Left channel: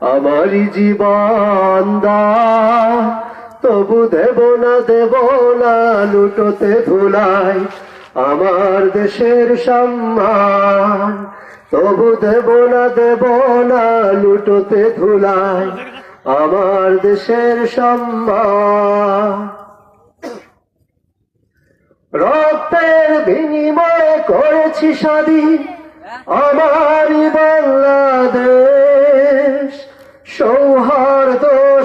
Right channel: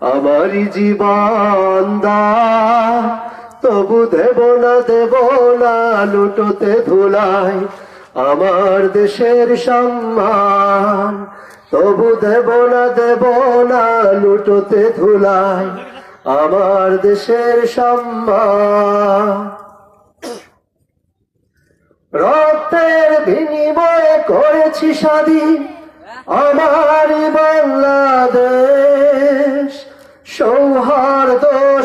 আমার জীবন দা। তবু দেব না দেব না, লুটোতে ধুলায় আমার দেশের সম্মান। তবু দেব না দেব না, লুটোতে ধুলায় আমার দেশের সম্মান। রক্তের বিনিময়ে করেছি স্বাধীন আমার বাংলাদেশ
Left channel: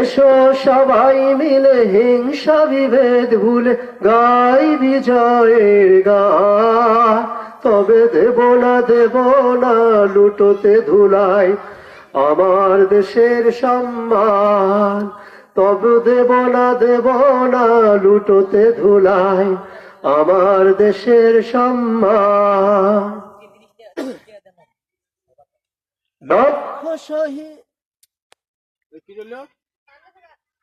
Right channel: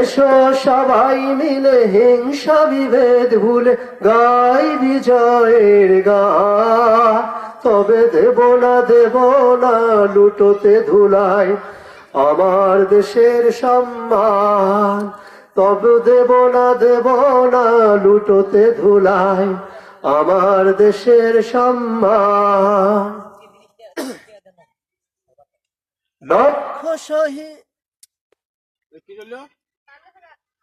এসো সবাই মিলে হিংসা বিভেদ ভুলে গাই বিজয়ের গা। তবে দেব না দেব না লুটোতে ধুলাই আমার দেশের সম্মান। তবে দেব না দেব না লুটোতে ধুলাই আমার দেশের সম্মান। লক্ষ শহীদ